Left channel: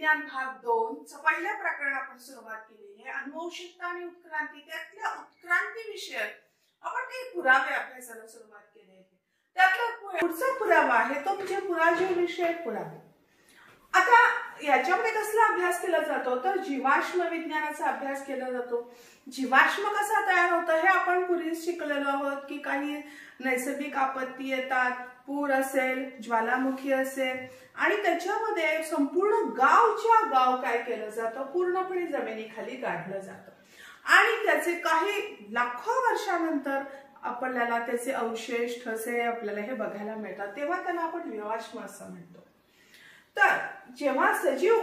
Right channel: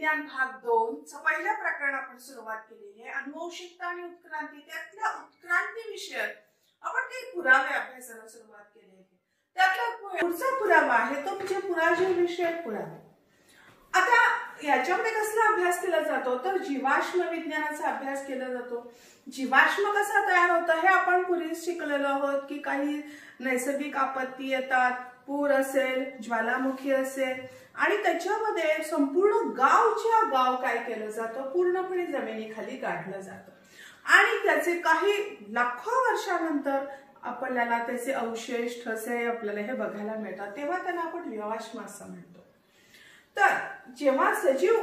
विज्ञान भाग 2 चा पहिल्या प्रकरण आपण सुरुवात केलेली आहे। अनुवंशिकता आणि उत्क्रांती, त्यातल्या उत्क्रांती विषयक आपण काही पुरावे अभ्यासाला सुरुवात केली आहे। त्यातला पुढचा पुरावा आहे तो म्हणजे पुराजीव विषयक पुरावे। आता याच्यामध्ये कसला अभ्यास केला जातो तर जीवाश्म विज्ञानाचा अभ्यास केला जातो। जीवाश्म कसा तयार होतो हे आपण पूर्वीच शिकलेलो आहोत की काही नैसर्गिक आपत्ती येतात, पूर असेल, ज्वालामुखी असेल आणि त्याच्यामध्ये संपूर्ण गावच्या गाव काय केलं जातं, पूर्णपणे जमिनीखाली गाडलं जातं आणि त्याचे काही लाखो वर्षानंतर आपल्याला त्याचे अवशेष ठसे आपल्याला हे बघायला मिळतात, तेव्हा त्याला आपण जीवाश्म असं म्हणतो। तर जेव्हा सजीव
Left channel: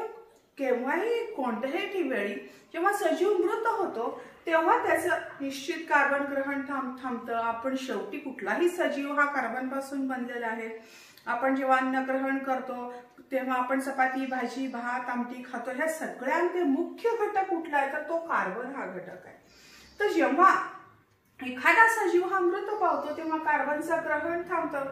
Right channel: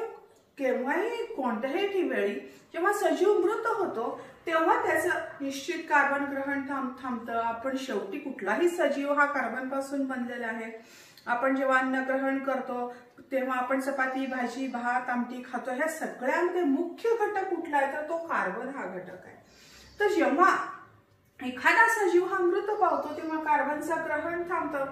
केव्हाही कोणत्याही वेळी जेव्हा सजीव मृत होतो तेव्हा त्याचं निश्चित कार्बन ग्रहण थांबतं। आपण शेवटी कुठलाही सजीव हा कार्बन पासून बनलेला आहे। आपण जेव्हा अन्न ग्रहण करतो तेव्हा आपण चपाती, भाजी, भात, आमटी खातो, ह्या सगळ्यांचे मुख्य घटक कुठला आहे तर तो कार्बन हा घटक आहे। तर जेव्हा एखादा सजीव हा मृत पावतो तेव्हा कार्बनचं ग्रहण थांबतं,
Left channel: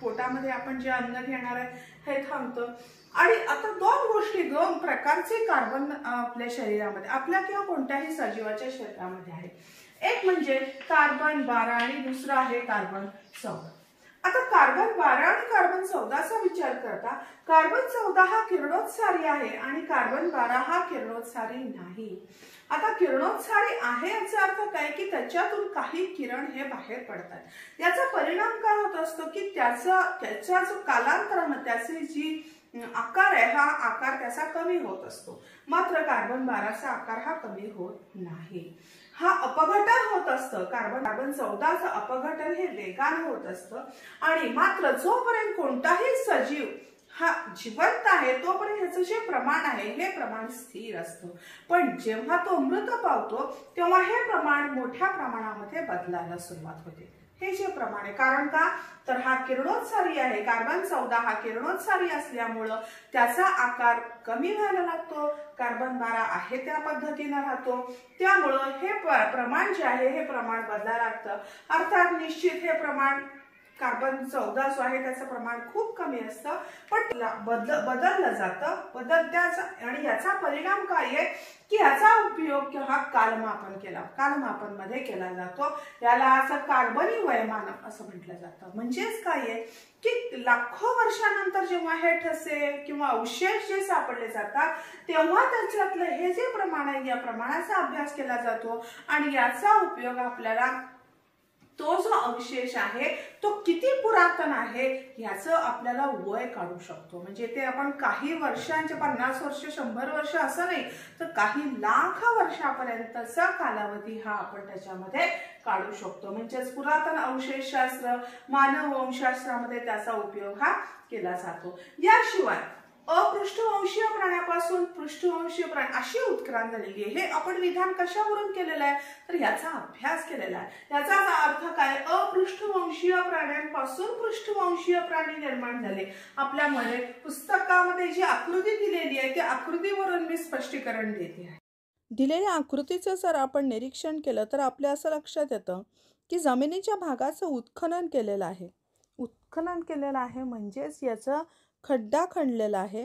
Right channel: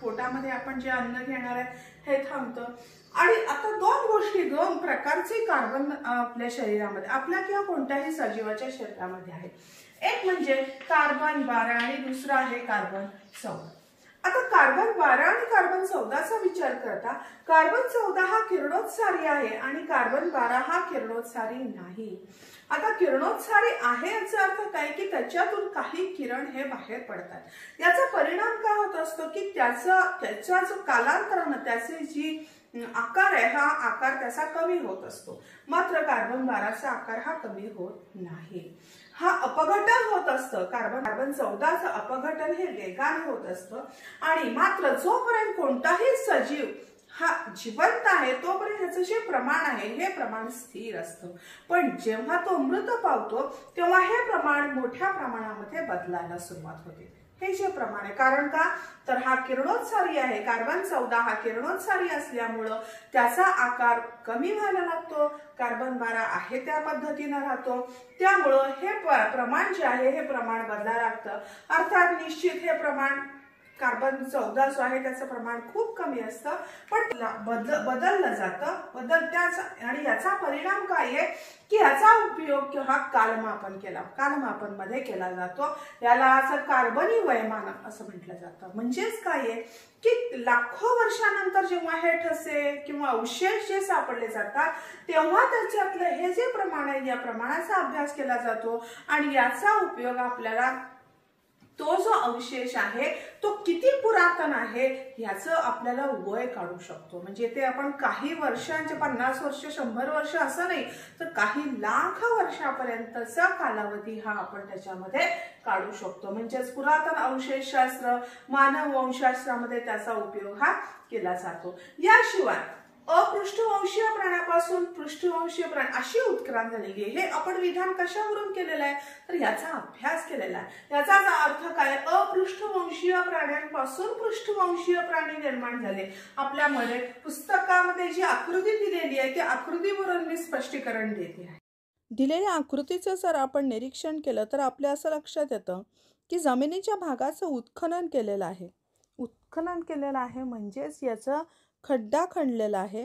पोटामध्ये आपण जे अन्न घेणार आहे हे थांबतं। आणि आता दोन प्रकारचे कार्बन आपल्या शरीरामध्ये, आपल्या किंवा कोणत्याही सजीवाच्या शरीरामध्ये आहे। एक म्हणजे कार्बन 12 आणि दुसरा आहे कार्बन 14। आता कार्बन 12 आणि कार्बन 14 चा विचार करता कार्बन 14 हा किरणोत्सारी आहे आणि कार्बन 12 हा किरणोत्सारी नाही। आता किरणोत्सारी आहे याचा अर्थ काय की त्याच्यातून काही किरण हे बाहेर पडतात। याचा परिणाम काय होत असतो की त्याचा जो कालांतराने त्याचे जी आकार आहे हा आकार त्याचा कमी होत असतो, मात्र कार्बन 12 चा आकार हा कमी होत नाही। हा अपघटन होत असतं, कार्बन 14 चं अपघटन हे वेगाने होत असतं आणि मात्र जोपर्यंत कोणताही सजीव हा जिवंत आहे तोपर्यंत ह्याचं जे प्रमाण आहे हे प्रमाण स्थिर असतं, पण जेव्हा तो मृत पावतो तेव्हा हे प्रमाण मोठ्या प्रमाणामध्ये बदलायला सुरुवात होते। हे जे प्रमाण आहे, कारण का तर हा किरणोत्सारी आहे, कार्बन 14 हा किरणोत्सारी असल्यामुळं त्याचा आकार कमी व्हायला लागतो, कार्बन 12 आहे त्या पद्धतीने राहतो, त्यामुळं हे प्रमाण जे आहे हे प्रमाण बदलायला लागतं। अर्थात निश्चित हे प्रमाण कार्बन 14 जो आहे त्याचं प्रमाण खूप कमी असतं, पण बदललं जातं आणि याचा परिणाम काय आहे की याचा उपयोग किंवा कालमापन मध्ये केला जातो। याला असं कार्बनी वयमानक असं म्हटलं जातं। म्हणजेच काय आहे की लाखो वर्षानंतर जेव्हा हे ठसे किंवा अवशेष जे सापडले जातात तेव्हा त्याच्यातलं हे जे प्रमाण आहे या प्रमाणाचा अभ्यास केला जातो आणि याचा उपयोग आपल्याला तो जो अवशेष आहे तो किती पुरातन आहे याचं आपल्याला वय काढू शकतो। म्हणजे ते आपण काही वर्षांचे 50 वर्ष 100 वर्ष असं नाही तर काही लाख वर्षापर्यंतचा कालावधी हा आपण त्याच्यामध्ये काढू शकतो। म्हणजेच पुरातन अवशेषशास्त्र, मानववंशशास्त्रामध्ये त्याचा उपयोग हा केला जातो। याशिवाय अपृष्ठवंशीय प्राण्यापासून पृष्ठवंशीय प्राणी अशी उत्क्रांती झालेली आहे। हे आपण विधान कशावरून केलेलं आहे तर याचा अभ्यास केलेला आहे। याचा अर्थ काय, अपृष्ठवंशीय प्राण्यांपासून पृष्ठवंशीय प्राणी निर्माण झाले। आपल्यामध्ये पुस्तकामध्ये जी आकृती दिलेली आहे त्या आकृतीवरून मी स्पष्टीकरण देते आहे। दिलेल्या आकृतीचं जर आपण निरीक्षण केलं तर आपल्या असं लक्षात येतं की जमिनीच्या भागाचं उत्खनन केलेलं आहे म्हणजेच याचं खड्डा खणलेला आहे।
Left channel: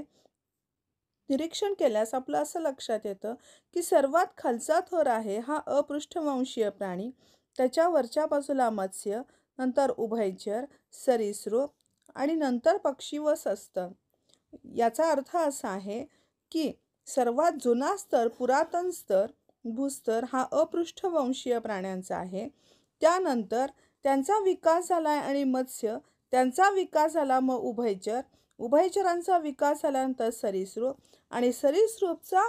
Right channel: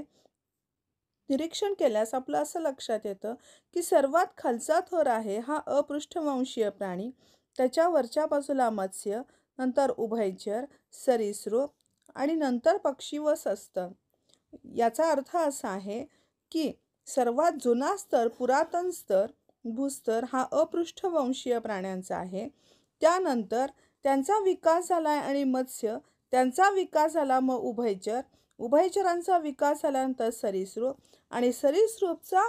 निरीक्षण केल्यास आपलं असं लक्षात येतं की सर्वात खालचा थर आहे हा अपृष्ठवंशीय प्राणी, त्याच्या वरच्या बाजूला मत्स्य, नंतर उभयचर, सरीसृप आणि नंतर पक्षी व सस्तन। याचा अर्थ असा आहे की सर्वात जुना स्तर, पुरातन स्तर, भूस्तर हा अपृष्ठवंशीय प्राण्यांचा आहे। त्यानंतर त्यांचा विकास झालाय आणि मत्स्य, त्यांचा विकास झाला मग उभयचर, उभयचरांचा विकास झाल्यानंतर सरीसृप आणि सरीसृपचा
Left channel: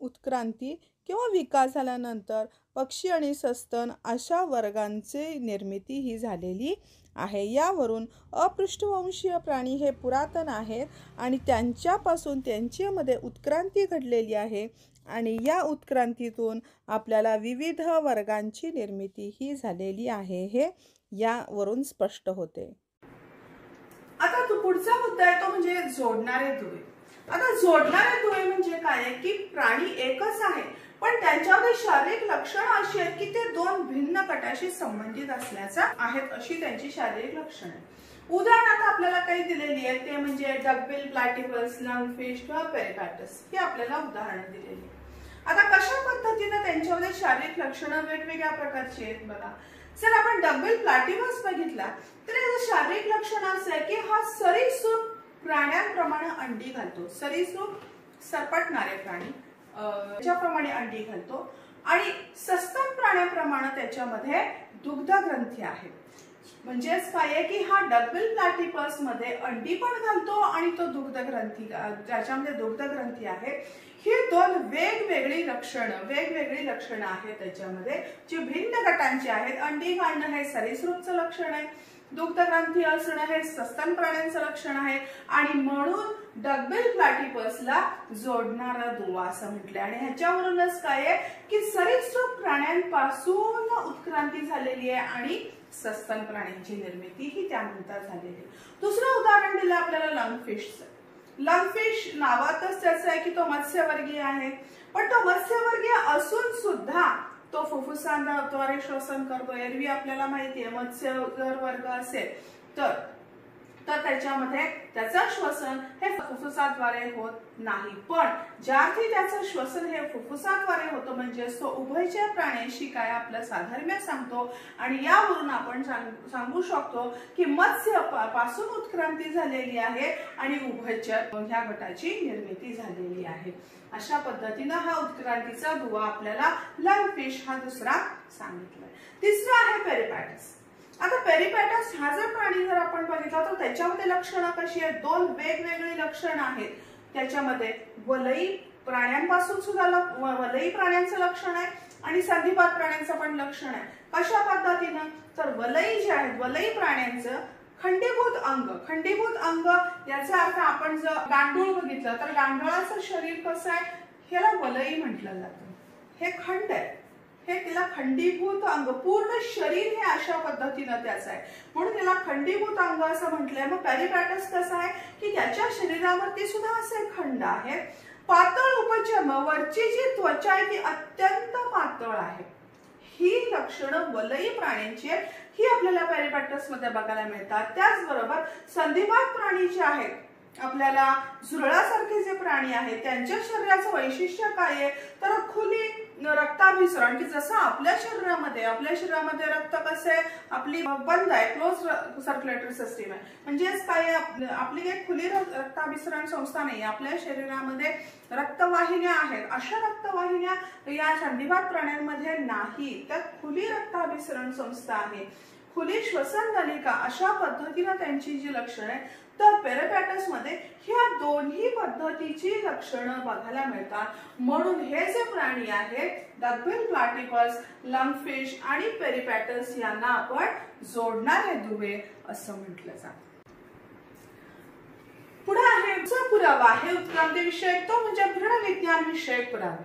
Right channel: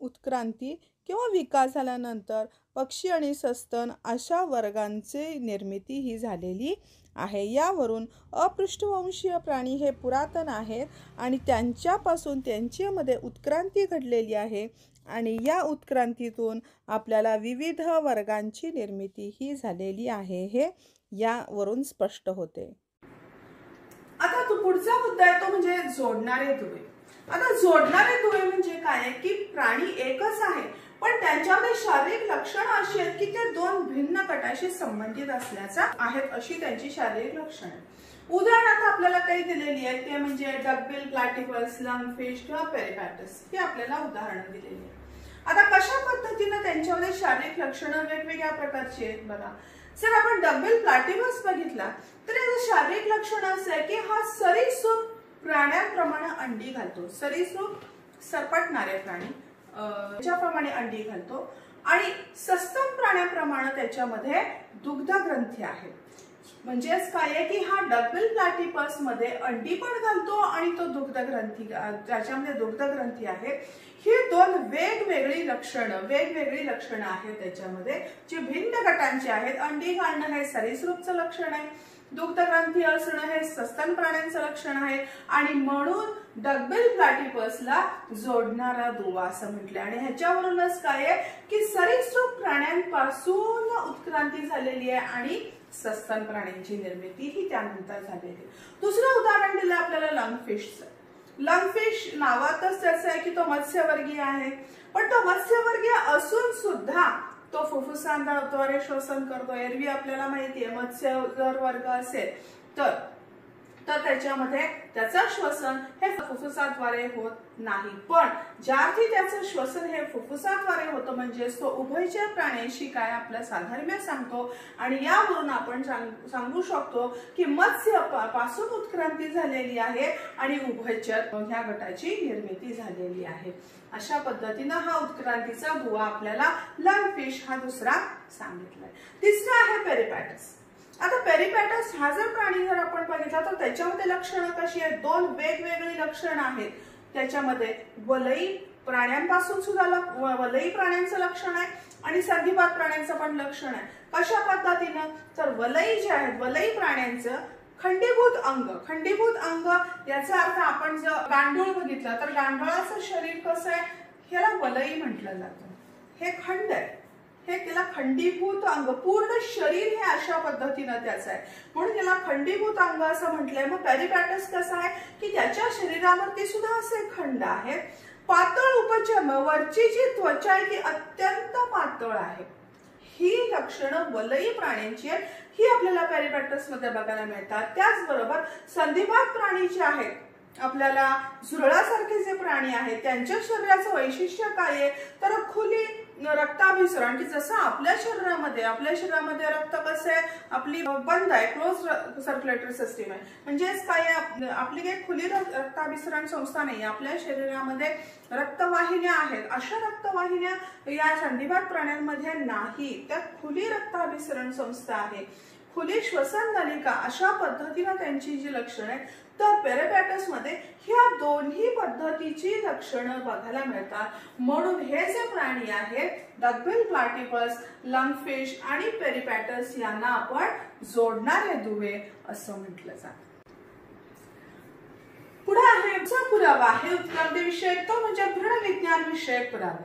उत्क्रांती किंवा विकास झाल्यानंतर पक्षी आणि सस्तन अशा वर्गांची निर्मिती ही झालेली आहे। यावरून अपृष्ठवंशीय प्राणी हे पुरातन आहेत आणि त्यांच्यापासून त्यांच्यामध्ये उत्क्रांती घडलेली आहे आणि या उत्क्रांतीतून आपल्याला विविध वर्गांची निर्मिती ही झालेली आहे, हे यावरून स्पष्ट होते। आता तो पुढचा मुद्दा आहे तो म्हणजे जोडणारे दुवे। आता जोडणारे दुवे म्हणजे काय की प्राणी एकच आहे पण त्यांच्यामध्ये शारीरिक लक्षणं अशी आहेत की ते दोन भिन्न गटाशी संबंधित असल्याचा आहेत अशी त्यांची शारीरिक लक्षणे। उदाहरणार्थ आपल्याला काही दिलेली आहे ते म्हणजे डकबिल, प्लॅटिपस, लंगफिश किंवा पेरिपॅटस ही आपल्याला उदाहरणं दिलेली आहेत. आता कशा पद्धतीने त्यांच्यामध्ये शारीरिक लक्षणं वेगवेगळ्या प्रकारची आहेत बघा. जर आपण डकबिल प्लॅटिपस बघितला तर याचं शारीरिक लक्षण असं आहे की हा सरीसृप प्राण्यांप्रमाणे अंडी घालतो. सरीसृप सरपटणारे प्राणी ज्याप्रमाणे अंडी घालतो आणि सस्तन प्राण्याप्रमाणे त्याच्यामध्ये दुग्धग्रंथी आहे. म्हणजेच काय आहे की हा डकबिल प्लॅटिपस मध्ये अंडी पण घालतो आणि तो दुग्धग्रंथी, ज्याच्यामध्ये दुग्धग्रंथी आहे. ही दोन वेगवेगळी लक्षणं आहेत त्याच्यामध्ये जी भिन्न गटांची आहेत. अंडी घालणं हे सरीसृपचं लक्षण आहे, दुग्धग्रंथी असणं हे सस्तन प्राण्यांचं लक्षण आहे आणि म्हणून डकबिल प्लॅटिपसला जोडणारा दुवा असं म्हटलंय. आणि ह्याच्यावरूनच काय आहे की सरीसृप प्राण्यांपासून उत्क्रांती झालेली आहे आणि सस्तन प्राण्यांची निर्मिती ही त्यानंतर झालेली आहे. दुसरं उदाहरण दिलं आपल्याला लंगफिशचं. लंगफिश नावातच त्याचं आहे की तो मत्स्यवर्गीय आहे, पण तो मत्स्यवर्गीय असून सुद्धा तो फुफ्फुसांद्वारे श्वसन करतो. एरवी आपल्याला माहितीये मत्स्य जर वर्ग असेल तर त्याच्यामध्ये त्याचं श्वसन हे फुफ्फुसाद्वारे होत नाही, पण ज्यावेळी त्याचं श्वसन हे फुफ्फुसाद्वारे होतं म्हणजे तो उभयचर प्राण्यांशी काय आपलं साधर्म्य सांगतो. आणि यावरून आपण सांगू शकतो की मत्स्य पासून उत्क्रांती झालेली आहे आणि उभयचर ह्या गटाची निर्मिती झालेली आहे. अशा पद्धतीनं हा उत्क्रांतीचा दुवा आपल्याला लंगफिश हा दुसरा सांगितलाय. तिसरा आहे पेरिपॅटस. आता पेरिपॅटस हा जर प्राणी जर आपण बघितला तर त्याच्यामध्ये लक्षणं कशी आहेत, दोन वेगवेगळी लक्षणं आहेत. त्याच्यामध्ये वलयी प्राण्यांपासून सुद्धा वलयी प्राण्यांचं लक्षण आहे आणि संधिपात प्राण्यांचं पण लक्षण आहे. कशा पद्धतीनं तर वलयी जे आहेत वलयी प्राण्यांचं खंडीभूत अंग याचा अर्थ आपण जर गांडूळ बघितलं तर गांडुळाचं शरीर कसं आहे ह्याला वलयी म्हटलं जातं. हे खंड आहे, हे त्याला खंडीभूत अंग, पूर्ण शरीर हे अशा पद्धतीनं त्याचं आहे म्हणून त्याला खंडीभूत अंग असं म्हटलंय. मग पेरिपॅटस कसं आहे की त्याच्या शरीरावरती सुद्धा असे खंड आहेत. पातळ उपचर्म, वरची जी त्वचा आहे ती अत्यंत पातळ आहे. ही लक्षणं वलयी प्राण्यांची आहेत, ही आपल्याला पेरिपॅटस मध्ये बघायला मिळतात. त्याचबरोबर संधिपात प्राणी जे आहेत आपल्याला झुरळासारखे जे प्राणी आहेत त्यांच्या शरीराचं वैशिष्ट्य काय आहे तर खुली रक्ताभिसरण, की जसं आपल्या शरीरामध्ये रक्त कसं आहे आपली बंद आहे, क्लोज सर्क्युलेटरी सिस्टीम आहे. म्हणजेच काय आपली काही खुली रक्ताभिसरण संस्था नाही, आपल्या शरीरामध्ये रक्तवाहिन्या आहेत. अशा रक्तवाहिन्या या संधिपात प्राण्यांमध्ये नाही, त्यात खुली रक्ताभिसरण संस्था आहे, खुली श्वसन नलिका. अशा पद्धतीनं त्यांची जी लक्षणं आहेत तर पेरिपॅटस मध्ये ह्या दोन्ही पद्धतीची लक्षणं बघायला मिळतात. म्हणून हे जे प्राणी आहेत डकबिल प्लॅटिपस, लंगफिश आणि पेरिपॅटस यांना आपण जोडणारे दुवे असं म्हटलं जातं. पुढे आहे पुरावा आहे उत्क्रांतीविषयक, तो म्हणजे भ्रूणविज्ञान विषयक पुरावे.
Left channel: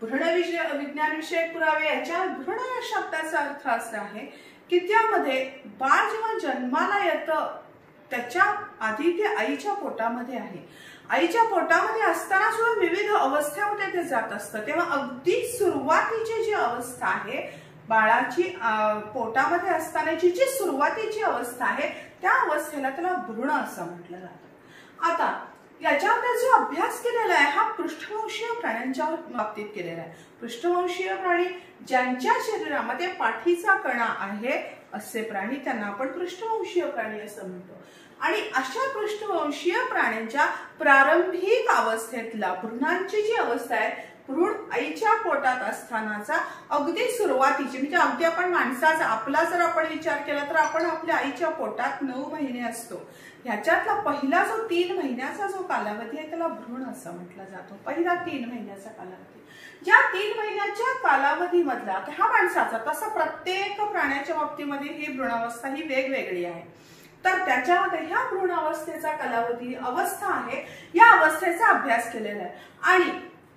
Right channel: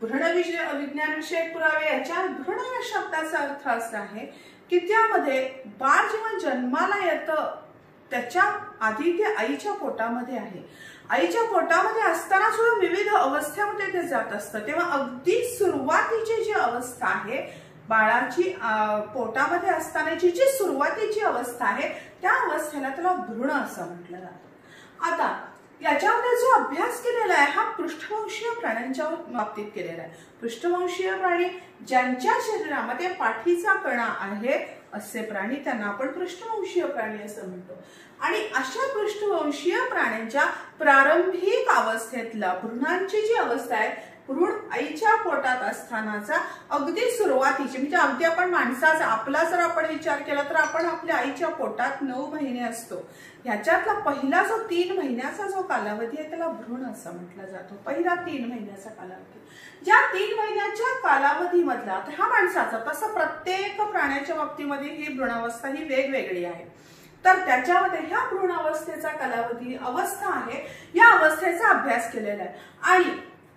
भ्रूणविज्ञान विषयक पुरावे याच्या भ्रूण या शब्दाचा अर्थ असा आहे की त्यामध्ये बाळ जेव्हा जन्माला येतं त्याच्या आधी ते आईच्या पोटामध्ये आहे. आईच्या पोटामध्ये असताना सुद्धा विविध अवस्थेमध्ये ते जात असतं. तेव्हा अगदी सुरुवातीची जी अवस्था आहे बाळाची पोटामध्ये असतानाची जी सुरुवातीची अवस्था आहे त्या अवस्थेला त्याला भ्रूण असं म्हटलं जातं. आता याच्यामध्ये जो अभ्यास केलेला आहे हा पृष्ठवंशीय प्राण्यांच्या बाबतीत केलेला आहे. पृष्ठवंशीय प्राणी ज्यांच्या शरीरामध्ये पाठीचा कणा आहे असे प्राणी त्यांना आपण पृष्ठवंशीय प्राणी असं म्हणतो. आणि अशा पृष्ठवंशीय प्राण्यांच्या प्रारंभिक अवस्थेतला भ्रूणांची जी अवस्था आहे, भ्रूण आईच्या पोटात असतानाचा अगदी सुरुवातीची म्हणजे अगदी आपण माणसाचा आपला जर आपण विचार केला तर आपण आपल्या आईच्या पोटात 9 महिने असतो. ह्याच्यातला पहिला जो 3 महिन्याचा जो कालावधी आहे त्याला भ्रूण असं म्हटलं जातो. पहिला 3 महिन्याचा कालावधी. ज्या 3 महिन्याच्या कालावधीमधला आता हा माणसाचा तसं प्रत्येक प्राण्याच्या बाबतीमध्ये ही भ्रूणावस्था ही वेगवेगळी आहे. तर त्याच्यामध्ये ह्या भ्रूणावस्थेचा कालावधी अवस्था आहे या अवस्थेचा अभ्यास केलेला आहे. आणि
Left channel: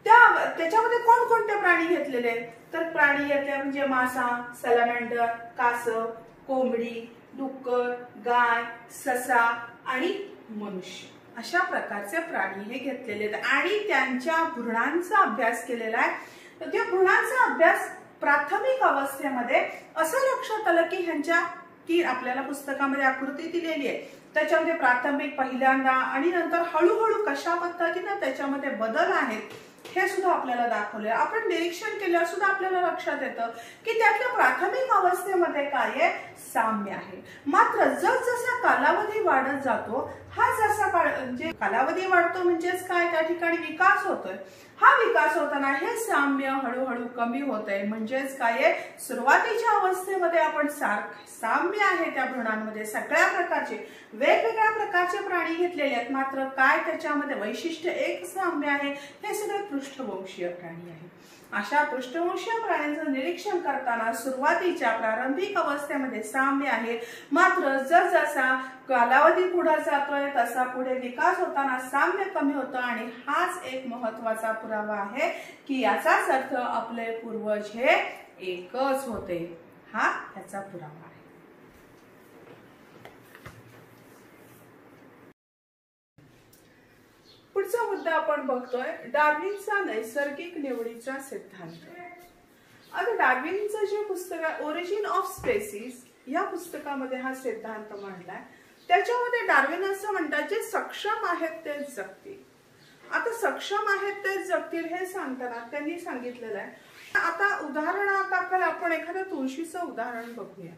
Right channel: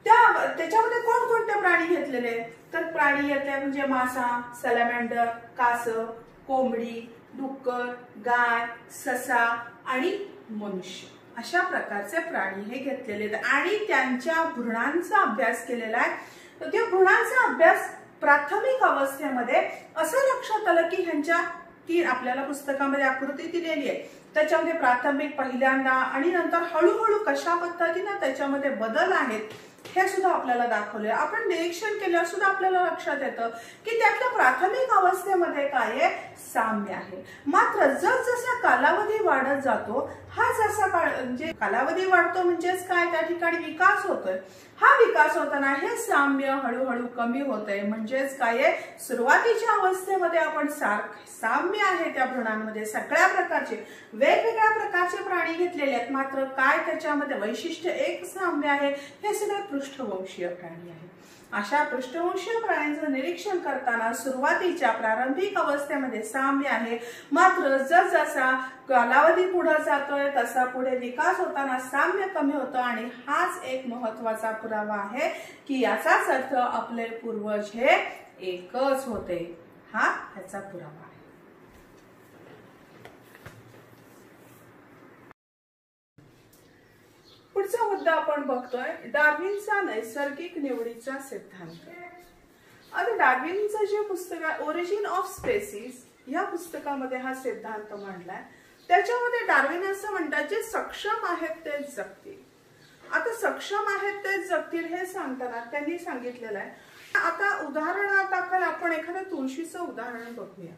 त्याच्यामध्ये कोणकोणते प्राणी घेतलेले आहेत तर प्राणी घेतले म्हणजे मासा, सॅलमँडर, कासव, कोंबडी, डुक्कर, गाय, ससा आणि मनुष्य अशा प्रकारचे प्राणी हे घेतलेले आहेत आणि त्यांच्या भ्रूणांचा अभ्यास केलेला आहे. तर त्या भ्रूणांचा अभ्यास प्राथमिक अवस्थेमध्ये असं लक्षात आलं की ह्यांच्या की आपल्याला पुस्तकामध्ये आकृती दिलेली आहे, त्याच्यामध्ये प्राथमिक पहिल्यांदा आणि नंतर हळूहळू कशा पद्धतीने त्याच्यामध्ये बदल आहेत हे सुद्धा आपल्याला दाखवले. आपण निरीक्षण केल्यावर सुद्धा आपल्याला लक्षात येतं की त्यातल्या प्राथमिक अवस्थेमध्ये काय आहे, साम्य आहे. मात्र जसजसा कालावधी वाढत जातो, हा जसा म्हणजे कालावधी वाढतो म्हणजेच काय, त्या ठिकाणी विकास होतोय. हा विकास होताना हे साम्य हळूहळू कमी होतंय. म्हणजेच काय आहे, सुरुवातीच्या अवस्थेमध्ये आपण साम्य आहे त्या भ्रूणांमध्ये सगळ्या प्रकारचे वेगवेगळ्या प्रकारचे प्राणी घेतलेले आहेत. मात्र काय त्याच्यामध्ये वैशिष्ट्य एक साम्य आहे, हे सगळे पृष्ठवंशीय प्राणी आहे. अशा पृष्ठवंशीय प्राण्यांचं निरीक्षण करताना सुरुवातीच्या प्रारंभिक अवस्थेमध्ये साम्य आहे. मात्र जसजसा कालावधी पुढे जातोय तसा पुढे विकास होताना साम्य कमी होतं. आणि हाच एक महत्वाचा पुरावा आहे की याचाच अर्थ आपले पूर्वज हे एकच होते. हा त्याचा पुरावा आहे. पुढचा मुद्दा आपण बघतोय, डार्विनचा नैसर्गिक निवडीचा सिद्धांत. आता डार्विनचं जे पुस्तक आहे ओरिजिन ऑफ स्पेसीज, या पुस्तकामध्ये हा सिद्धांत मांडलाय. त्याच्यामध्ये डार्विन असं म्हणतात, जे सक्षम आहेत तेच जगतील. आता सक्षम आहेत तेच जगतील हे सांगताना त्यांनी सांगितलेलं आहे. आता उदाहरणादाखल आपण एखाद्या तुळशीचं उदाहरण बघूया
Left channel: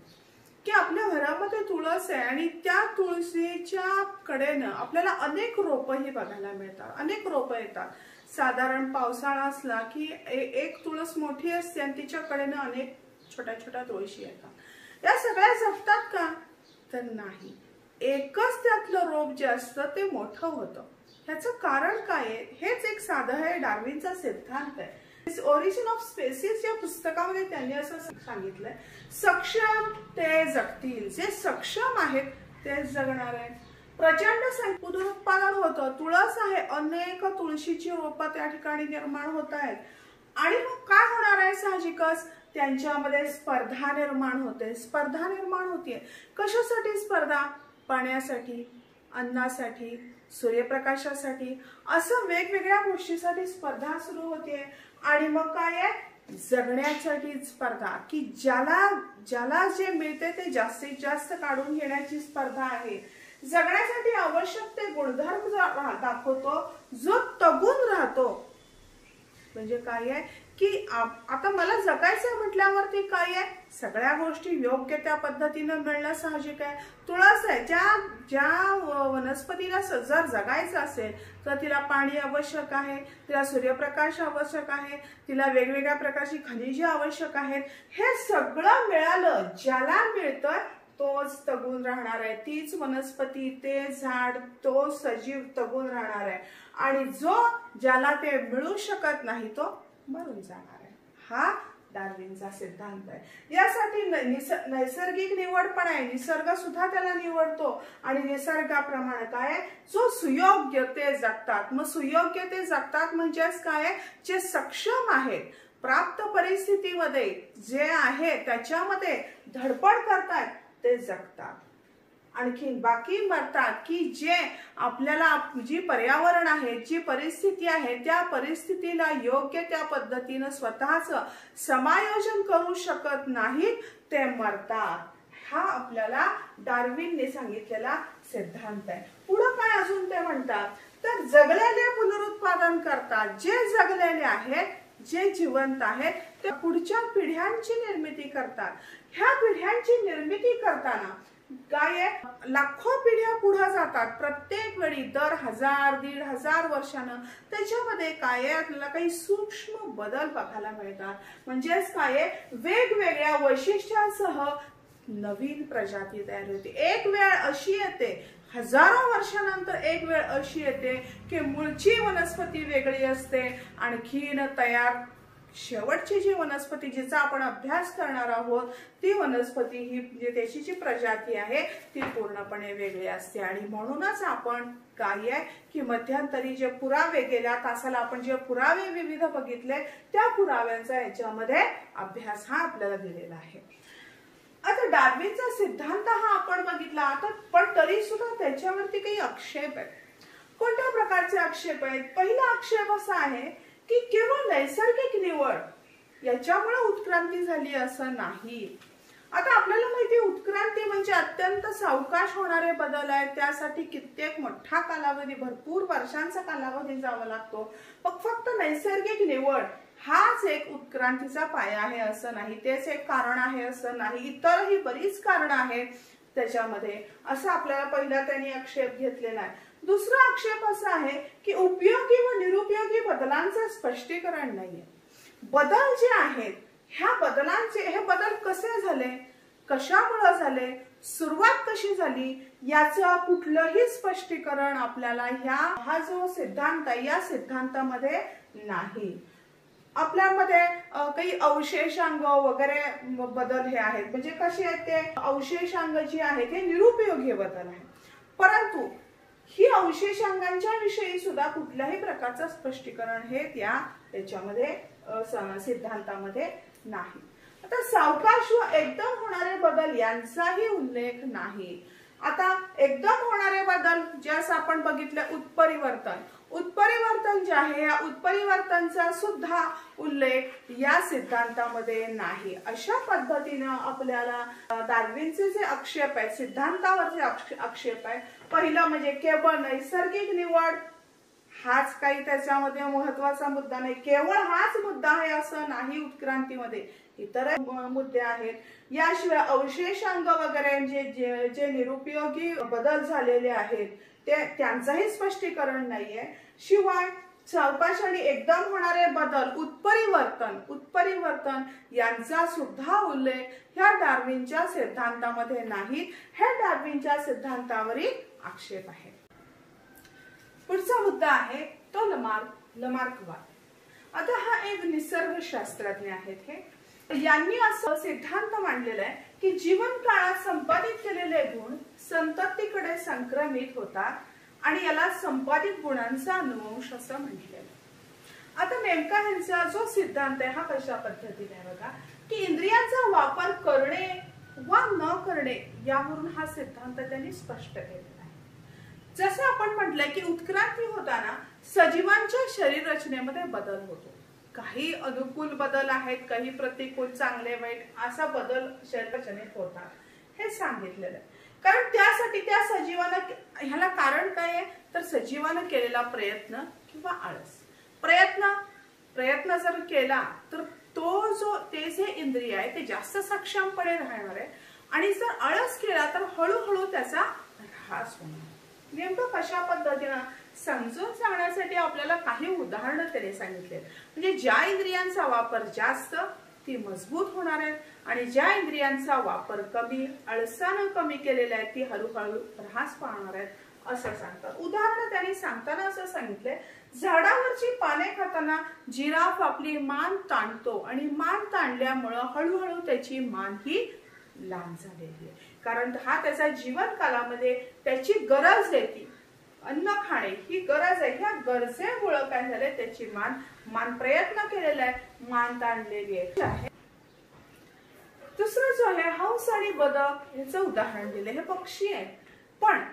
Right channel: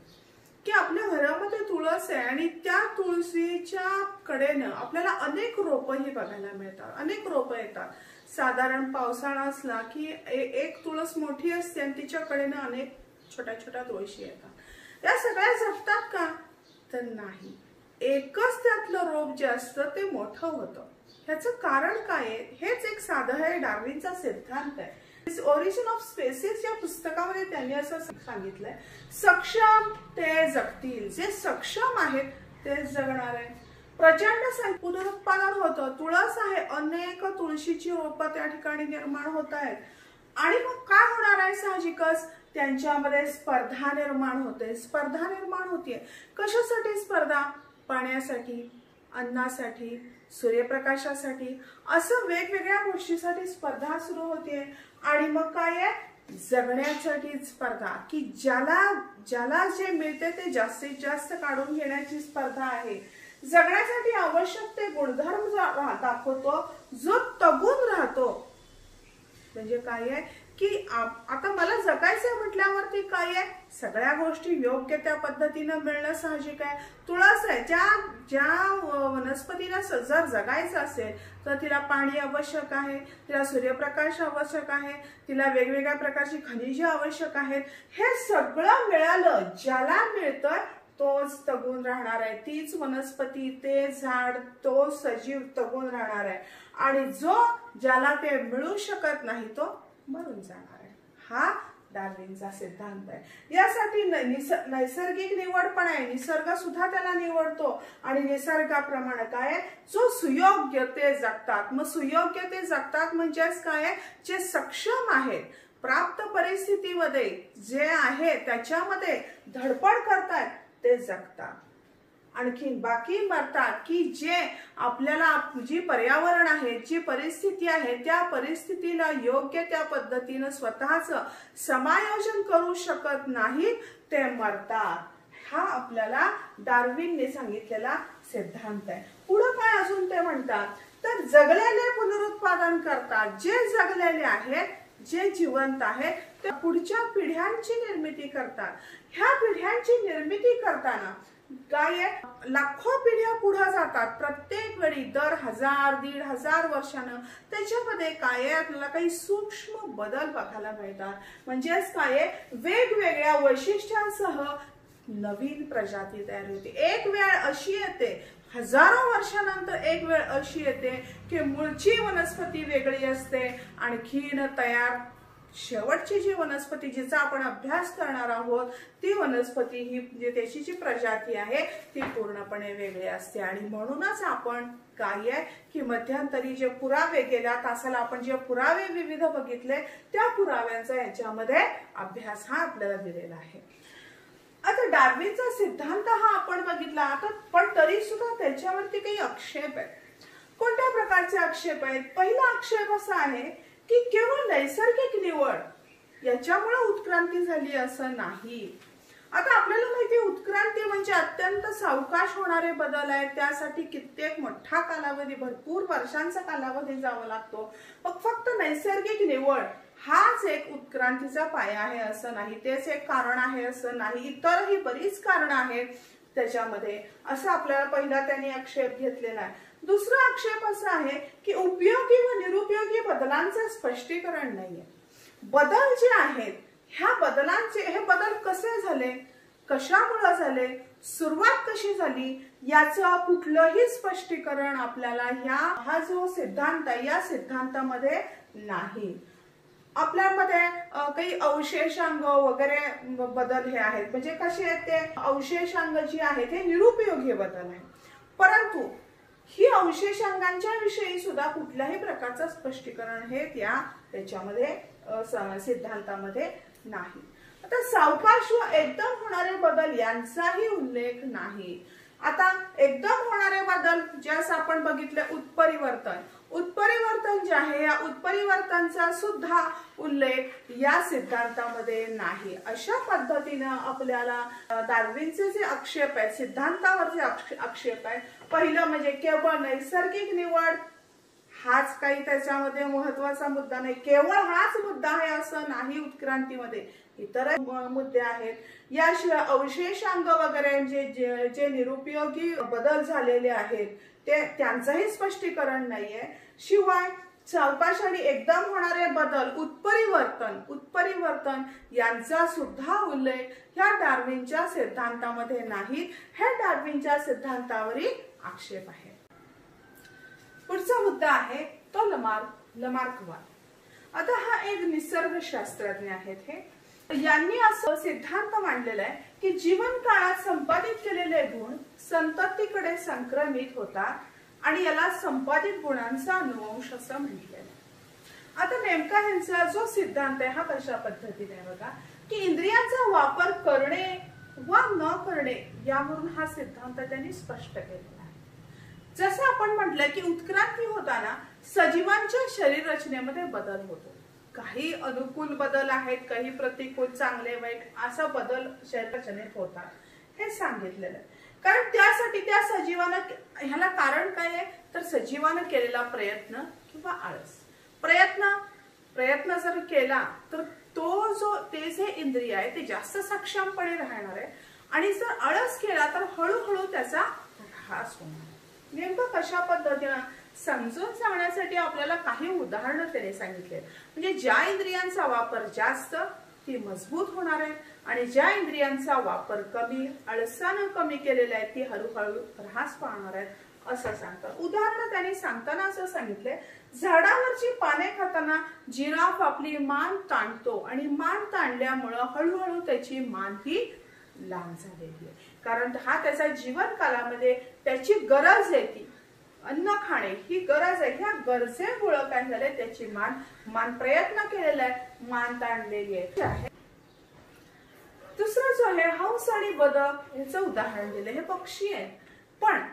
की आपल्या घरामध्ये तुळस आहे आणि त्या तुळशीच्या कडेनं आपल्याला अनेक रोपही बघायला मिळतात, अनेक रोपं येतात. साधारण पावसाळा असला की एक तुळस मोठी असते आणि तिच्या कडेनं अनेक छोट्या छोट्या तुळशी येतात. त्या सगळ्या जगतात का, तर नाही. एकच त्यातलं रोप जे असतं ते मोठं होतं. ह्याचं कारण काय आहे, हेच एक साधं आहे डार्विनचा सिद्धांत आहे. ओरिजिन ऑफ स्पेसीज या पुस्तकामध्ये त्यांनी असं सांगितलंय, सक्षम ते जगतील. जे सक्षम आहेत तेच जगणार आहे. प्रचंड पुनरुत्पादन होतं. तुळस आहे, अनेक तुळशीची रोपं त्या ठिकाणी निर्माण होत आहेत. आणि मग काय होणार आहे, साहजिकच त्यांच्यामध्ये स्पर्धा निर्माण होते. स्पर्धा निर्माण होतीये. कशासाठी स्पर्धा, पाण्यासाठी, अन्नासाठी, सूर्यप्रकाशासाठी, असं वेगवेगळ्या गोष्टीसाठी स्पर्धा सुरू होतीये. आणि मग काय आहे, जगण्यासाठी स्पर्धा, की ज्याला जे मिळते ते जास्तीत जास्त काढून घेण्याची स्पर्धा आहे. जगण्यासाठी आवश्यक ते गुणधर्म दाखवतो जो तगून राहतो. म्हणजे काय आहे की आता मला जगायचं म्हटल्यावरती काय आहे, सगळ्या गोष्टी योग्य त्या पद्धतीनं मिळणं साहजिक आहे. तुळस आहे, ज्या वनस्पतीला जर जगायचं असेल तर तिला पाणी आवश्यक आहे, तिला सूर्यप्रकाश आवश्यक आहे, तिला वेगवेगळ्या प्रकारची खनिजे आवश्यक आहेत. हे सगळं मिळालं, ज्याला मिळतं तोच तगून राहणार आहे. तीच वनस्पती, ते झाड, तो सजीव तगून राहणार आहे. आणि ज्याला ते मिळू शकत नाही तो मरून जाणार आहे. हा डार्विनचा सिद्धांत आहे. यासाठी नैसर्गिक निवड पण आहे. निसर्ग सुद्धा त्याला निवडतो आणि निसर्गाप्रमाणे काय आहे, जो सुयोग्य ते जगतात. मग सुयोग्य ते जगतात म्हणजेच काय आहे, जे सक्षम आहेत, प्राप्त परिस्थितीमध्ये जे आहे त्याच्यामध्ये धडपड करतात ते जगतात. आणखी बाकी मरतात की जे आपल्याला जी पर्यावरण आहे, जी परिस्थिती आहे, त्या परिस्थितीला योग्य त्या पद्धतीने स्वतःच समायोजन करू शकत नाहीत, ते मरतात. हा आपल्याला डार्विनने सांगितलेला सिद्धांत आहे. पुढे काय अजून ते म्हणतात, तर जगलेले पुनरुत्पादन करतात. जे जगलेले आहेत, जे जिवंत आहेत, ते पुढच्या पिढ्यांची निर्मिती करतात. ह्या पिढ्यांची निर्मिती करताना काय आहे, लाखो पिढ्या पुढे जातात. प्रत्येक वेळी दर 1000-1500 वर्षानं त्याच्यामध्ये काय आहे, आपल्याला काही सूक्ष्म बदल बघायला मिळतात. म्हणजेच काय आहे, वेगवेगळ्या वैशिष्ट्यांसह नवीन प्रजाती तयार होते. एक वेळ अशी येते, हजारो वर्षानंतर एक वेळ अशी येते की मूळची वनस्पती वेगळी असते, आणखीन तयार शेवटची जी वनस्पती जिचा आपण अभ्यास करणार आहोत ती वनस्पती ही जे त्याची जी प्रजाती आहे ती पूर्णपणे वेगळी असते. आणि म्हणूनच आपण काय आहे की मध्यंतरी जे पुरावे गेल्या तासाला आपण जे पुरावे विविध बघितले त्या पुराव्यांचा याच्यामध्ये अभ्यास हा आपल्याला दिलेला आहे. आता डार्विनचा सिद्धांत हा आपण बघितला, आता पण तरी सुद्धा त्याच्यावरती काही आक्षेप आहेत. कोणत्या प्रकारचे आक्षेप आहेत? पहिला आक्षेप असा आहे की केवळ नैसर्गिक निवड याच्यामुळे उत्क्रांती झाली असं नाही. आता आपल्याला माहिती आहे उत्क्रांती म्हणजे अत्यंत सावकाश होणारे बदल आहेत, त्यासाठी कित्येक मोठा कालावधी, भरपूर वर्षांचा कालावधी जावा लागतो. फक्त नैसर्गिक निवड हाच एक उत्क्रांतीचा पाया आहे असं नाही, तेच एक कारण आहे असं नाही, इतरही बरीच कारण आहेत त्याच्यामध्ये, असं आपल्याला पहिला त्यांनी आक्षेप घेतलेला आहे. दुसरा आक्षेप असा आहे की उपयोगी व निरुपयोगी बदलांचं स्पष्टीकरण नाहीये. बदल जे आहेत ह्या बदलांचे, हे बदल कसे झाले, कशामुळे झाले, सुरुवात कशी झाली, याचं कुठलंही स्पष्टीकरण आपल्याला हा जो सिद्धांत आहे या सिद्धांतामध्ये नाही. आपल्यामध्ये काही अवशेषांग वगैरे बदल हे आहेत, म्हणजे कसे आहेत ते अवशेषांग जे आहेत हे निरुपयोगी बदल आहेत, परंतु ही अवशेषांगांच्या विषयी सुद्धा कुठल्याही प्रकारचं स्पष्टीकरण हे त्याच्यामध्ये सिद्धांतामध्ये नाही. आता सावकाश व एकदम होणारे बदल यांचाही उल्लेख नाही. आता एकदम होणारे बदल ज्यास आपण बघितलं उत्परिवर्तन जे आहे या उत्परिवर्तनचा सुद्धा उल्लेख या सिद्धांतामध्ये नाही. अशा पद्धतीनं आपल्याला डार्विनचे जे आक्षेप आहे, सिद्धांतावरचे आक्षेप आहे, पहिलं म्हणजे केवळ नैसर्गिक निवड हाच काही त्याच्यामध्ये महत्वाचा मुद्दा नाही, केवळ हाच मुद्दा आहे असं नाही, उत्क्रांतीमध्ये इतर मुद्दे आहेत. याशिवाय अवशेषांग वगैरे जे निरुपयोगी बदल झालेले आहेत त्यांचंही स्पष्टीकरण नाहीये. शिवाय सावकाश आणि एकदम होणारे बदल, उत्परिवर्तन यांचा सुद्धा उल्लेख ह्या डार्विनच्या सिद्धांतामध्ये नाही. हे डार्विनच्या सिद्धांतावरील आक्षेप आहे. पुढचा मुद्दा आहे तो लमार्कवाद. आता हा एक निसर्गशास्त्रज्ञ आहेत, यांनी असं सिद्धांत मांडलेला आहे की जीवन काळात संपादित केलेले गुण संततीकडे संक्रमित होतात आणि याला संपादित गुणांचा अनुवंश असं म्हटलेलं आहे. आता नेमका ह्यांचा जो सिद्धांत आहे हा कशा पद्धतीने आहे बघा, की इंद्रियांचा वापर करणे वा न करणे यावरून हा सिद्धांत त्यांनी स्पष्ट केलेला आहे. जसं आपण म्हटलंय की उत्क्रांती होताना सजीवांच्या शरीर रचनेमध्ये बदल होतो, काही अनुकूल बदल आहेत, काही प्रतिकूल, चांगले वाईट असा बदल शरीर रचनेत होतात हे सांगितलेलं आहे. कारण त्यासाठी त्या सजीवानं, ह्याला कारण काय आहे तर सजीवानं केलेला प्रयत्न किंवा आळस. प्रयत्न जर केला तर ते जे इंद्रिय आहे ते जास्त सक्षमपणे राहणार आहे, आणि जर आळस केला तर हळूहळू त्याचा ऱ्हास होणार. नेमकं कशा पद्धतीनं समजून सांगण्यासाठी आपल्याला काही उदाहरणं त्याने सांगितले. म्हणजे ज्या इंद्रियांचा वापर जास्त ती मजबूत होणार आहे, आणि ज्या इंद्रियांचा वापर कमी, आळसानं कमी केलेला आहे ती हळूहळू ऱ्हास पावणार आहेत असं सांगतात. उदाहरण त्यांनी सांगताना असं सांगितलंय, झाडावरची पाने खाताना जिराफ आपली मान ताणतो आणि मान ताणल्यामुळं हळूहळू त्याची मान ही लांब झालेली आहे, कारण हा त्याचा जीवन कालामध्ये त्याची गरज आहे, ती अन्न खाणे ही गरज आहे, ह्या गरजेमुळे काय झालंय त्याची मान प्रयत्न केलेला आहे, मान ताणलेली आहे. दुसरं जो आहे हंस आणि बदक याचं उदाहरण दिले. हे पक्षी आहेत पण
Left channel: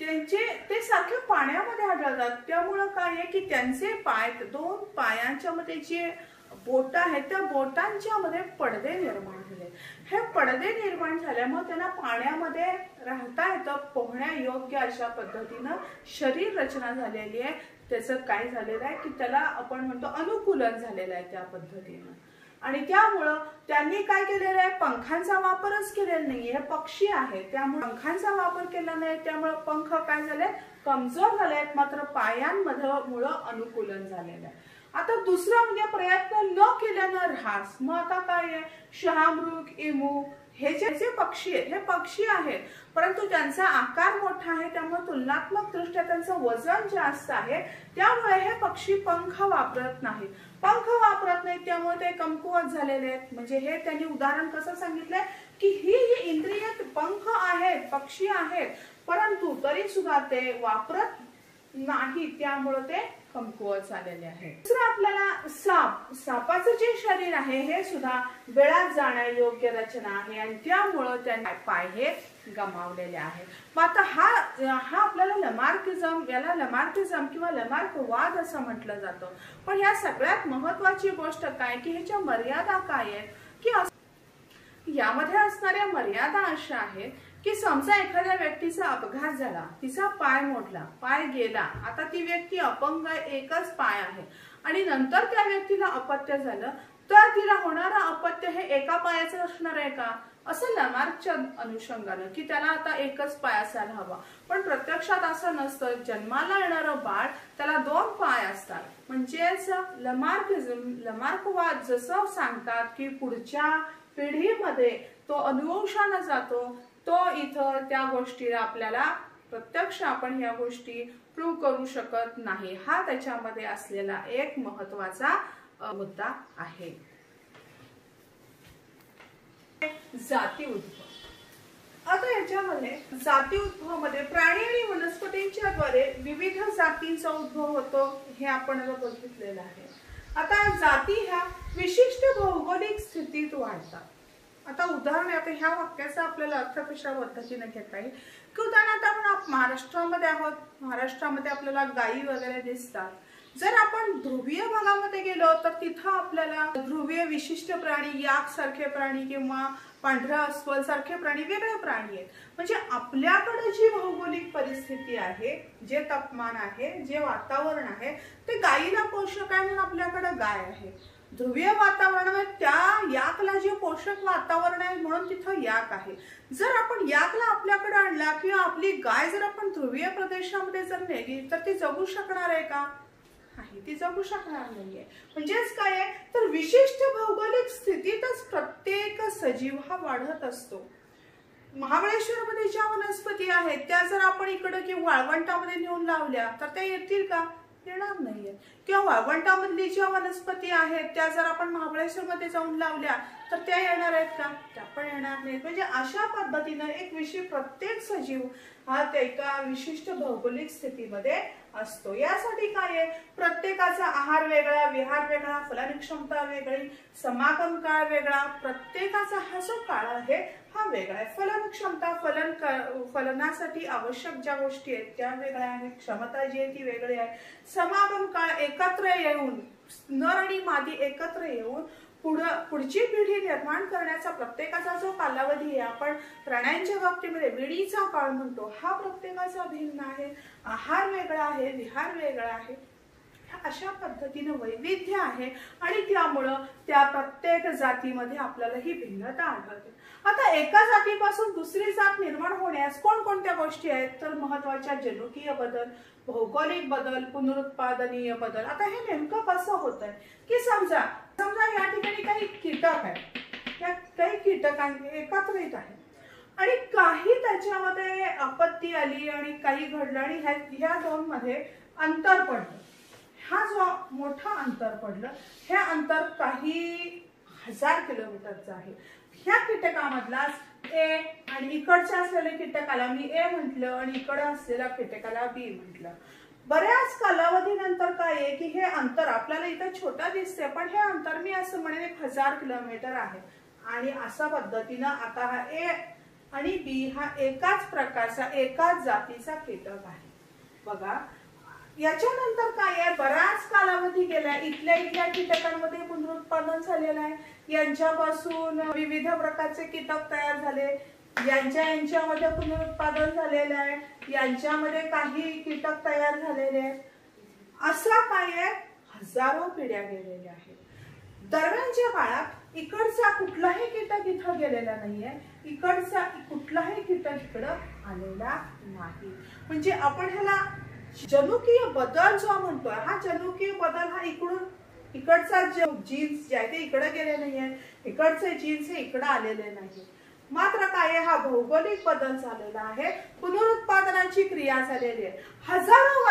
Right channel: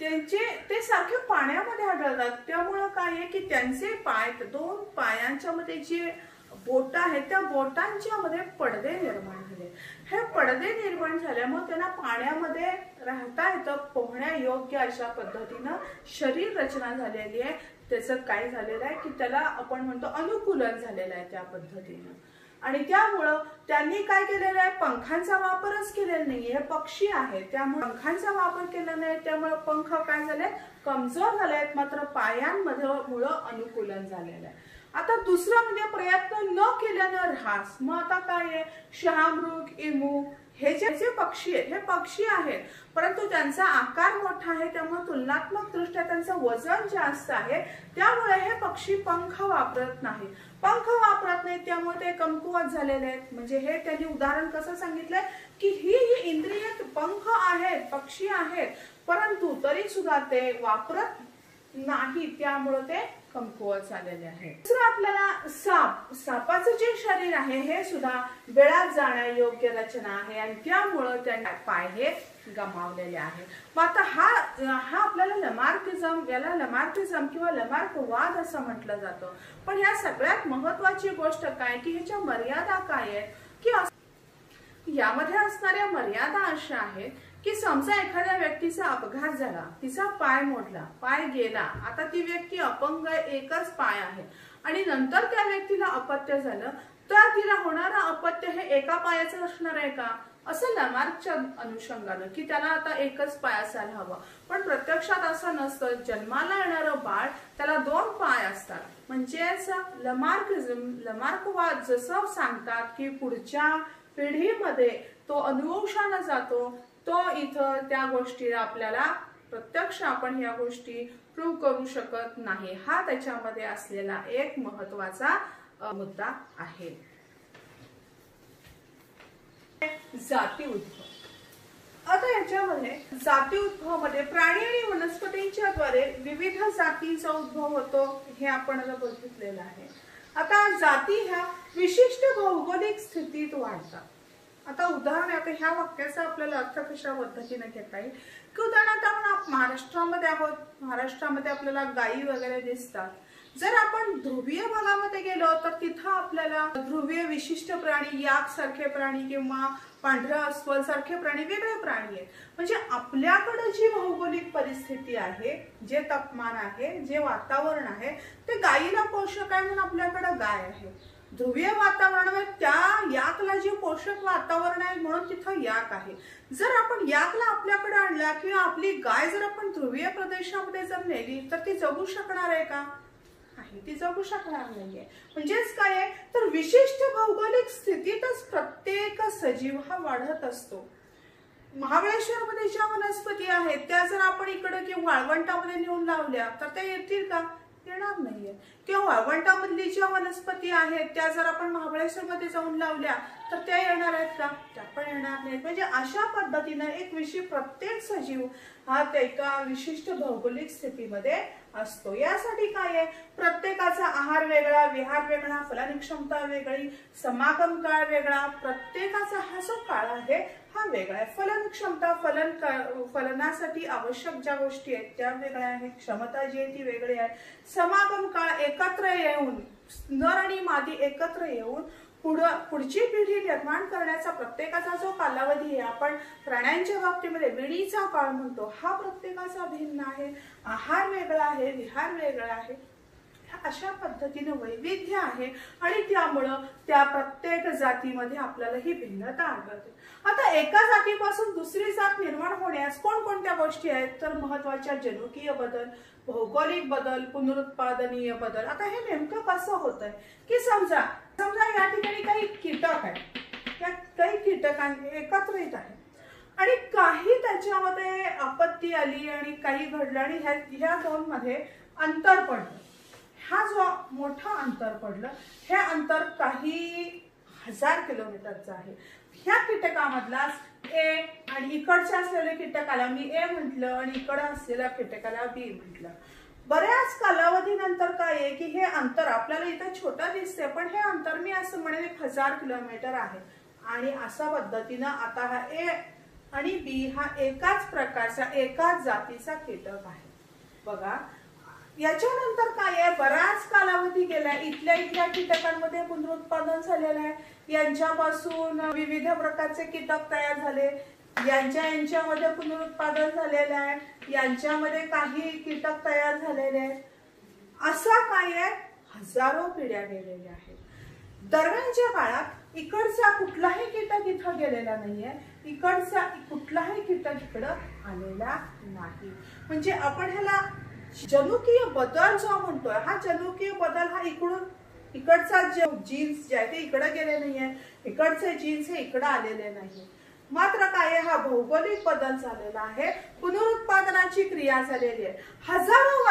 ते सारखे पाण्यामध्ये आढळतात, त्यामुळं काय आहे की त्यांचे पाय, दोन पायांच्या मध्ये जे बोट आहेत त्या बोटांच्या मध्ये पडदे निर्माण झाले. हे पडदे निर्माण झाल्यामुळे त्यांना पाण्यामध्ये राहता येतं, पोहण्या योग्य अशा पद्धतीनं शरीर रचना झालेली आहे. त्याचं काय झालेलं आहे की त्याला आपण म्हणतो अनुकूलन झालेलं आहे त्या पद्धतीनं, आणि त्यामुळं त्यांनी काय केलेलं आहे, पंखांचा वापरच केलेला नाहीये. हे पक्षी आहेत त्यामुळे पंखांचा वापर केला नाही, त्यामुळे पंख काय झाले, कमजोर झाले आहेत, मात्र पायांमुळे अनुकूलन झालेलं आहे. आता दुसरं म्हणजे प्रयत्न न केल्यानं ऱ्हास. मग आता काय आहे, शहामृग, इमू हे जे पक्षी आहेत हे पक्षी आहेत, परंतु त्यांचा आकार मोठा आहे, त्यामुळे तुलनात्मक दृष्ट्या त्यांचं वजन जास्त आहे, त्यामुळे हे पक्षी पंख वापरत नाही. त्यामुळे ते कमकुवत झालेले आहेत. म्हणजे हे त्यांनी उदाहरण कसं सांगितलंय की ही इंद्रिय पंख आहेत, पक्षी आहेत, परंतु तरी सुद्धा ते वापरत नाही, त्यामुळे ते कमकुवत झालेले आहे. दुसरं आपल्याला सापाचं जे शरीर आहे हे सुद्धा वेळात जाण्यायोग्य रचना आहे, आणि त्यामुळे त्यांचे पाय हे गमावलेले आहे. मग आता हा आपल्याला लमार्किझम किंवा लमार्कवाद असं म्हटलं जातं. पण या सगळ्यात महत्वाची गोष्ट काय की ह्याच्या मर्यादा काय आहेत की यामध्ये असणाऱ्या मर्यादा अशा आहेत की समजा एखाद्या व्यक्तीचा अपघात झाला, तिचा पाय मोडला, पाय गेला, आता ती व्यक्ती अपंग आहे, एकच पाय आहे आणि नंतर त्या व्यक्तीला अपत्य झालं, तर तिला होणारं अपत्य हे एका पायाचं असणार आहे का, असं लमार्कच्या अनुषंगानं की त्याला आता एकच पाय असायला हवा. पण प्रत्यक्षात असं नसतं. जन्माला येणारं बाळ त्याला 2 पाय असतात. म्हणजेच लमार्कवाद जसं सांगतात की पुढच्या पिढीमध्ये तो अनुवंशानं जातो, तो इथं त्या गोष्टीला आपल्याला प्रत्यक्ष आपण या गोष्टी प्रूव्ह करू शकत नाही. हा त्याच्यामध्ये असलेला एक महत्वाचा मुद्दा आहे. जाती उद्भव. आता याच्यामध्ये जाती उद्भव मध्ये प्राणी आणि वनस्पतींच्या द्वारे विविध जातींचा उद्भव होतो हे आपण आता बघितलेलं आहे. आता जाती ह्या विशिष्ट भौगोलिक स्थितीत वाढतात. आता उदाहरण आता ह्या वाक्याचा आपल्याला अर्थ कशा पद्धतीने घेता येईल की उदाहरणार्थ आपण महाराष्ट्रामध्ये आहोत, महाराष्ट्रामध्ये आपल्याला गायी वगैरे दिसतात. जर आपण ध्रुवीय भागामध्ये गेलो तर तिथं आपल्याला ध्रुवीय विशिष्ट प्राणी, याक सारखे प्राणी किंवा पांढरा अस्वल सारखे प्राणी, वेगळे प्राणी आहेत. म्हणजे आपल्याकडे जी भौगोलिक परिस्थिती आहे, जे तापमान आहे, जे वातावरण आहे, ते गायीला पोषक आहे म्हणून आपल्याकडे गाय आहे. ध्रुवीय वातावरणामध्ये त्या याकला जे पोषक वातावरण आहे म्हणून तिथं याक आहे. जर आपण याकला आपल्याकडे आणला किंवा आपली गाय जर आपण ध्रुवीय प्रदेशामध्ये जर नेली तर ती जगू शकणार आहे का? ती जगू शकणार नाहीये. म्हणजेच काय आहे तर विशिष्ट भौगोलिक स्थितीतच प्रत्येक सजीव हा वाढत असतो. महाबळेश्वरमध्ये ज्या वनस्पती आहेत त्या जर आपण इकडे किंवा वाळवंटामध्ये नेऊन लावल्या तर त्या येतील का? येणार नाहीये. किंवा वाळवंटामधली ज्या वनस्पती आहेत त्या जर आपण महाबळेश्वरमध्ये जाऊन लावल्या तर त्या येणार आहेत का? त्या पण येणार नाहीत. म्हणजे अशा पद्धतीने एक प्रत्येक सजीव हा एका विशिष्ट भौगोलिक स्थितीमध्ये असतो. यासाठी काय आहे प्रत्येकाचा आहार वेगळा, विहार वेगळा, फलन क्षमता वेगळी, समागम काळ वेगळा, प्रत्येकाचा हा जो काळ आहे हा वेगळा आहे. फलन क्षमता, फलनासाठी आवश्यक ज्या गोष्टी आहेत त्या वेगळ्या आहेत, क्षमता जी आहे ती वेगळी आहे. समागम काळ एकत्र येऊन, नर आणि मादी एकत्र येऊन पुढची पिढी निर्माण करण्याचा प्रत्येकाचा जो कालावधी आहे, आपण प्राण्यांच्या बाबतीमध्ये विडीचा काळ म्हणतो, हा प्रत्येकाचा भिन्न आहे. आहार वेगळा आहे, विहार वेगळा आहे. अशा पद्धतीने वैविध्य आहे आणि त्यामुळं त्या प्रत्येक जातीमध्ये आपल्याला ही भिन्नता आढळते. आता एका जातीपासून दुसरी जात निर्माण होण्यास कोणकोणत्या गोष्टी आहेत तर महत्वाच्या जनुकीय बदल, भौगोलिक बदल, पुनरुत्पादनीय बदल. आता हे नेमकं कसं होत आहे की समजा या ठिकाणी काही कीटक आहेत, त्या काही कीटकांनी एकत्रित आहेत आणि काही त्याच्यामध्ये आपत्ती आली आणि काही घडलं आणि ह्या दोन मध्ये अंतर पडलं. हा जो मोठा अंतर पडलं हे अंतर काही 1000 किलोमीटरचं आहे. ह्या कीटकामधलाच ए आणि इकडच्या असलेल्या कीटकाला मी ए म्हटलं आणि इकडे असलेल्या कीटकाला बी म्हटलं. बऱ्याच कालावधीनंतर काय आहे की हे अंतर आपल्याला इथं छोटा दिसते पण हे अंतर मी असं म्हणेन 1000 किलोमीटर आहे. आणि अशा पद्धतीनं आता हा ए आणि बी हा एकाच प्रकारचा, एकाच जातीचा कीटक आहे. बघा याच्यानंतर काय आहे बराच कालावधी गेला, इथल्या कीटकांमध्ये पुनरुत्पादन झालेलं आहे. यांच्यापासून विविध प्रकारचे कीटक तयार झाले, यांच्यामध्ये पुनरुत्पादन झालेलं आहे, यांच्यामध्ये काही कीटक तयार झालेले आहेत. असं काय आहे हजारो पिढ्या गेलेल्या आहेत. दरम्यानच्या काळात इकडचा कुठलाही कीटक इथं गेलेला नाहीये, इकडचा कुठलाही कीटक इकडं आलेला नाही. म्हणजे आपण ह्याला जनुकीय बदल जो म्हणतोय, हा जनुकीय बदल हा इकडचा जीन्स जे आहे ते इकडे गेले नाहीये, इकडचे जीन्स हे इकडे आलेले नाही. मात्र काय हा भौगोलिक बदल झालेला आहे, पुनरुत्पादनाची क्रिया झालेली आहे. हजारो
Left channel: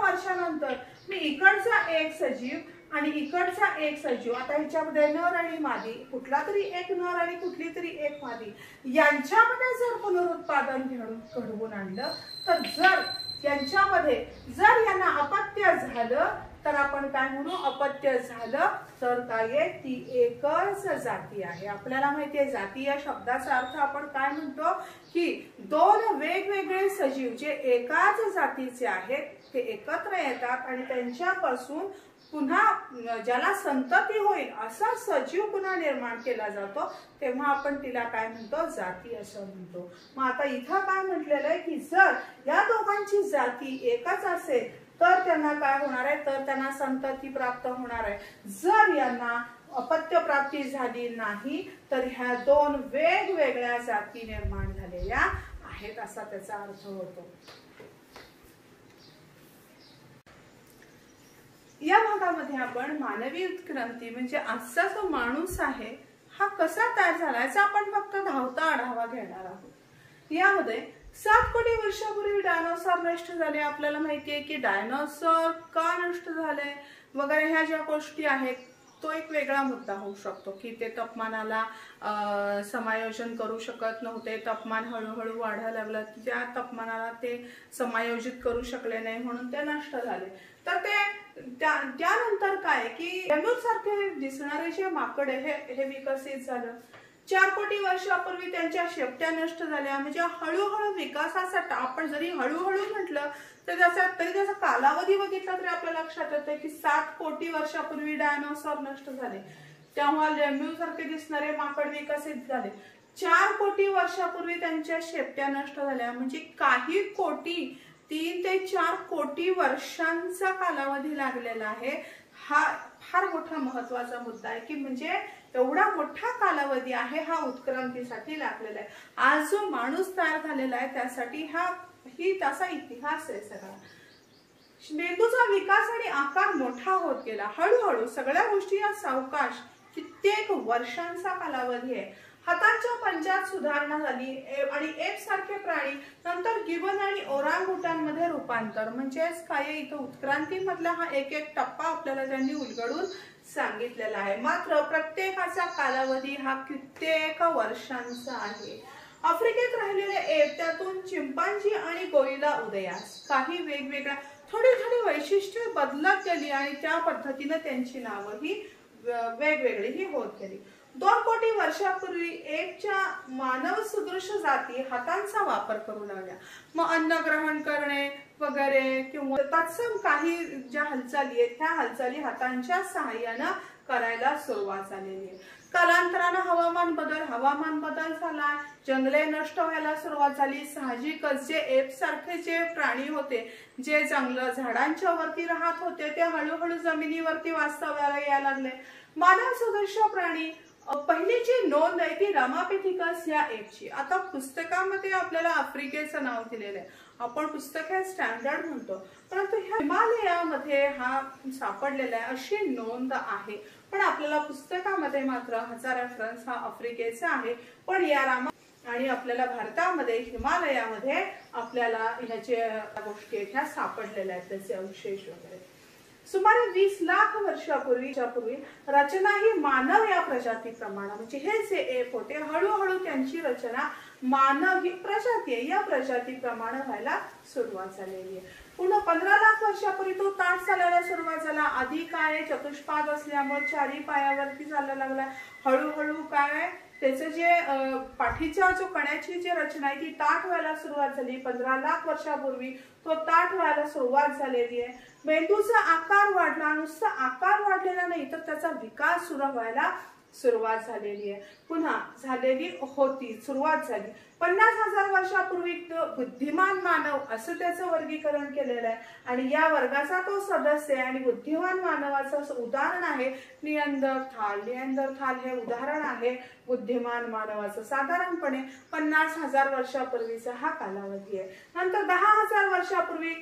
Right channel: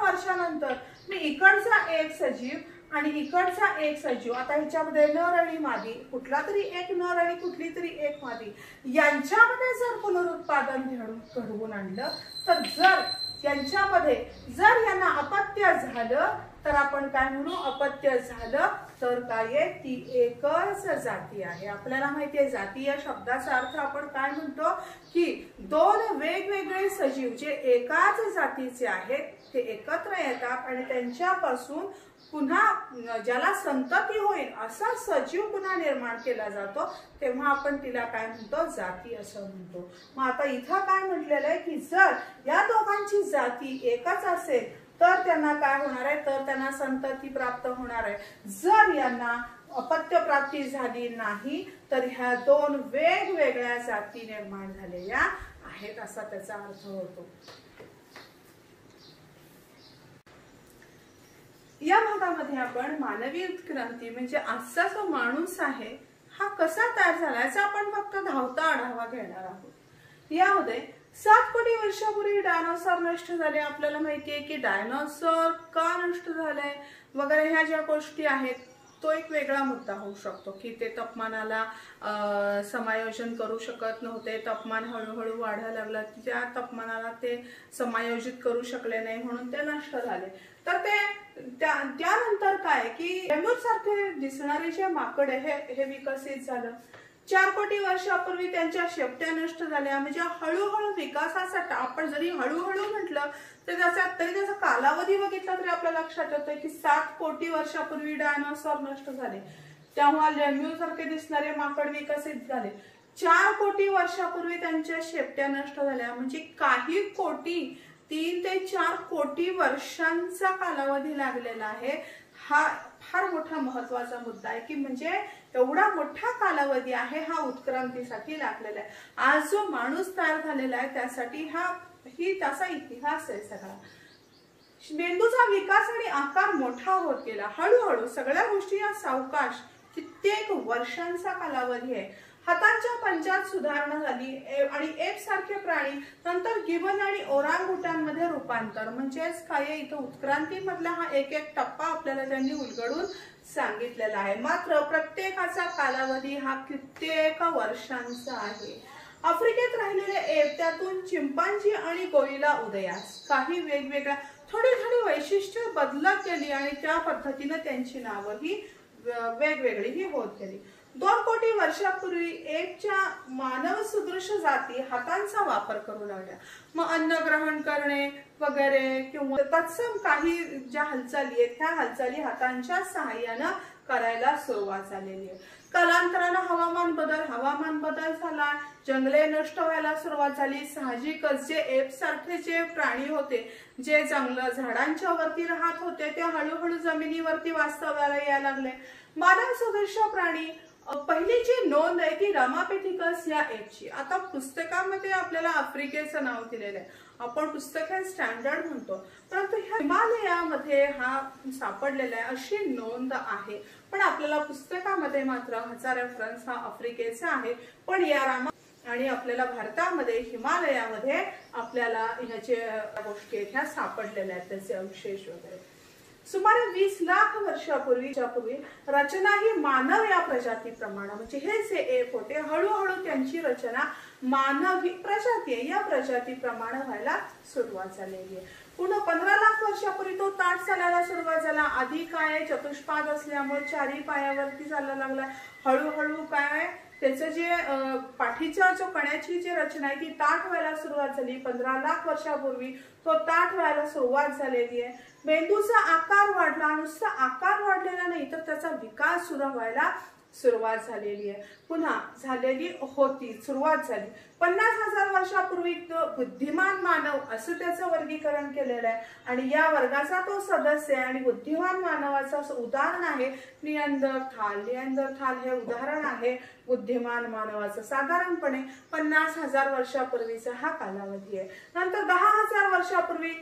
वर्षानंतर मी इकडचा एक सजीव आणि इकडचा एक सजीव, आता ह्याच्यामध्ये नर आणि मादी, कुठला तरी एक नर आणि कुठली तरी एक मादी, यांच्यामध्ये जर पुनरुत्पादन घडवून आणलं तर जर यांच्यामध्ये जर यांना अपत्य झालं तर आपण काय म्हणू, अपत्य झालं तर काय आहे, ती एकच जाती आहे. आपल्याला माहिती आहे जाती या शब्दाचा अर्थ आपण काय म्हणतो की दोन वेगवेगळे सजीव जे एकाच जातीचे आहेत ते एकत्र येतात आणि त्यांच्यापासून पुन्हा ज्याला संतती होईल असा सजीव पुन्हा निर्माण केला जातो, तेव्हा आपण तिला काय म्हणतो, जाती असं म्हणतो. मग आता इथं काय म्हटलेलं आहे की जर या दोघांची जाती एकच असेल तर त्यांना काय होणार आहे, तर त्यांना संतती प्राप्त होणार आहे. जर यांना अपत्य प्राप्ती झाली नाही तर ह्या दोन वेगवेगळ्या जाती निर्माण झालेल्या आहेत असा त्याचा अर्थ होतो. या भागामध्ये आपण मानवी उत्क्रांती म्हणजे आजचा जो माणूस आहे हा कसा तयार झाला याचा आपण फक्त धावता आढावा घेणार आहोत. यामध्ये 7 कोटी वर्षापूर्वी डायनोसॉर नष्ट झाले. आपल्याला माहिती आहे की डायनोसॉर का नष्ट झाले वगैरे ह्या ज्या गोष्टी आहेत तो एक वेगळा मुद्दा होऊ शकतो की ते तापमानाला समायोजन करू शकत नव्हते, तापमान हळूहळू वाढायला लागलं, त्या तापमानाला ते समायोजित करू शकले नाही म्हणून ते नष्ट झाले. तर ते त्यानंतर काय की लेम्यूर सारखे दिसणारे जे माकड हे विकसित झालं. 4 कोटी वर्षापूर्वी त्यांच्या शेपट्या नष्ट झाल्या. म्हणजे हळूहळू विकासासाठी आपण जरी हळूहळू म्हटलं तर त्याचा कालावधी बघितला तरी आपल्या लक्षात येतं की 7 कोटी वर्षापूर्वी डायनोसॉर नष्ट झाले, तेव्हा लेम्यूर सारखे दिसणारे माकड विकसित झाले. 4 कोटी वर्षापूर्वी त्यांच्या शेपट्या नष्ट झाल्या. म्हणजे काही कोटी 3 ते 4 कोटी वर्षांचा कालावधी लागलेला आहे. हा फार मोठा महत्वाचा मुद्दा आहे की म्हणजे एवढा मोठा कालावधी आहे हा उत्क्रांतीसाठी लागलेला आहे. आज जो माणूस तयार झालेला आहे त्यासाठी त्याचा इतिहास आहे सगळा. मेंदूचा विकास आणि आकार मोठा होत गेला हळूहळू. सगळ्या गोष्टी या सावकाश कित्येक वर्षांचा कालावधी आहे. हातांच्या पंजात सुधारणा झाली आणि एप सारखे प्राणी नंतर गिबन आणि ओरांगुटानमध्ये रूपांतर. म्हणजेच काय इथं उत्क्रांती मधला हा एक एक टप्पा आपल्याला त्यांनी उलगडून सांगितलेला आहे. मात्र प्रत्येकाचा कालावधी हा कित्येक वर्षांचा आहे. आफ्रिकेत राहिलेले एप त्यातून चिंपांजी आणि गोरिला उदयास. काही वेगवेगळ्या थोडी थोडी वैशिष्ट्ये बदलत गेली आणि त्या पद्धतीने त्यांची नावही वेगवेगळी होत गेली. 2 कोटी वर्षापूर्वी एपच्या मानव सदृश जाती हातांचा वापर करू लागल्या. मग अन्न ग्रहण करणे वगैरे किंवा तत्सम काही ज्या हालचाली आहेत त्या हालचाली हातांच्या सहाय्याने करायला सुरुवात झालेली आहे. कालांतराने हवामान बदल झाला, जंगले नष्ट व्हायला सुरुवात झाली. साहजिकच जे एप सारखे जे प्राणी होते जे जंगल झाडांच्या वरती राहत होते ते हळूहळू जमिनीवरती वास्तव्याला यायला लागले. मानव सदृश प्राणी पहिली जी नोंद आहे ती रामापेथिकस या एपची. आता पुस्तकामध्ये आपल्याला आफ्रिकेचं नाव दिलेलं आहे. आपण पुस्तक हे स्टँडर्ड म्हणतो, परंतु हिमालयामध्ये हा सापडलेला आहे अशी नोंद आहे. पण आपल्याला पुस्तकामध्ये मात्र ह्याचा रेफरन्स हा आफ्रिकेचा आहे. पण या आणि आपल्याला भारतामध्ये हिमालयामध्ये आपल्याला ह्याच्या गोष्टी ह्या सापडलेल्या आहेत, त्याचे अवशेष वगैरे. सुमारे 20 लाख वर्षापूर्वी रचना ही मानव या प्रजातीप्रमाणे म्हणजे हे जे एप होते हळूहळू त्यांची रचना मानव ही प्रजाती आहे या प्रजातीप्रमाणे व्हायला सुरुवात झालेली आहे. पुन्हा 15 लाख वर्षापूर्वी तो ताठ चालायला सुरुवात झाला. आधी काय चतुष्पाद असल्यामुळे 4 पायावरती चालायला लागला. हळूहळू काय त्याचं जे पाठीच्या जो कण्याची जी रचना आहे ती ताठ व्हायला सुरुवात झाली. 15 लाख वर्षापूर्वी तो ताठ व्हायला सुरुवात झालेली आहे. मेंदूचा आकार वाढला. नुसता आकार वाढलेला नाही तर त्याचा विकास सुरू व्हायला सुरुवात झालेली आहे. पुन्हा झालेली होती सुरुवात झाली. 50,000 वर्षापूर्वी बुद्धिमान मानव असं त्याचं वर्गीकरण केलेलं आहे आणि या वर्गाचा तो सदस्य आहे आणि बुद्धिमान मानवाचं उदाहरण आहे निअँडरथाल. निअँडरथाल हे उदाहरण आहे बुद्धिमान मानवाचं. साधारणपणे 50,000 वर्षापूर्वीचा हा कालावधी आहे. नंतर 10,000 वर्षापूर्वी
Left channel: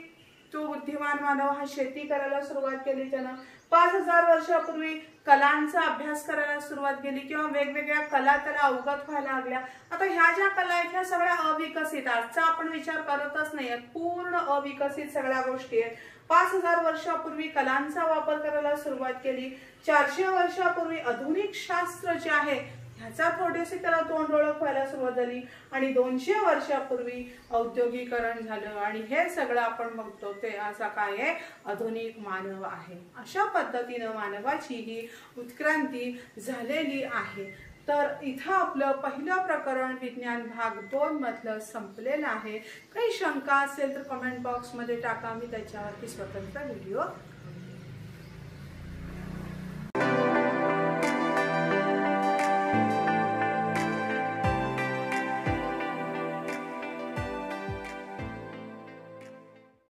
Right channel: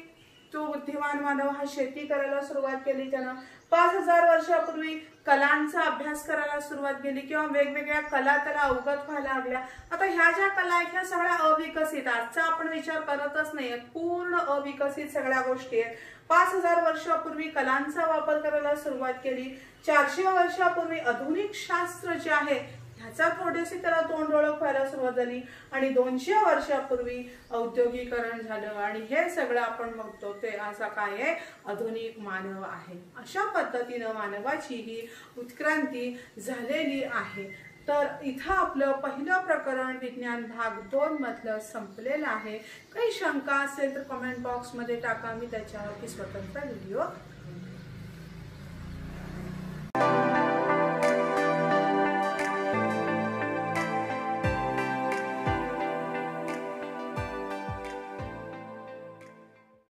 तो बुद्धिमान मानव हा शेती करायला सुरुवात केली. त्यानं 5,000 वर्षापूर्वी कलांचा अभ्यास करायला सुरुवात केली किंवा वेगवेगळ्या कला त्याला अवगत व्हायला लागल्या. आता ह्या ज्या कला आहेत ह्या सगळ्या अविकसित, आजचा आपण विचार करतच नाहीये, पूर्ण अविकसित सगळ्या गोष्टी आहेत. 5,000 वर्षापूर्वी कलांचा वापर करायला सुरुवात केली. 400 वर्षापूर्वी आधुनिक शास्त्र जे आहे ह्याचा थोडीशी त्याला तोंड ओळख व्हायला सुरुवात झाली आणि 200 वर्षापूर्वी औद्योगिकरण झालं आणि हे सगळं आपण बघतो ते असा काय आहे, आधुनिक मानव आहे. अशा पद्धतीनं मानवाची ही उत्क्रांती झालेली आहे. तर इथं आपलं पहिलं प्रकरण विज्ञान भाग 2 मधलं संपलेलं आहे. काही शंका असेल तर कमेंट बॉक्समध्ये टाका, मी त्याच्यावरती स्वतंत्र व्हिडिओ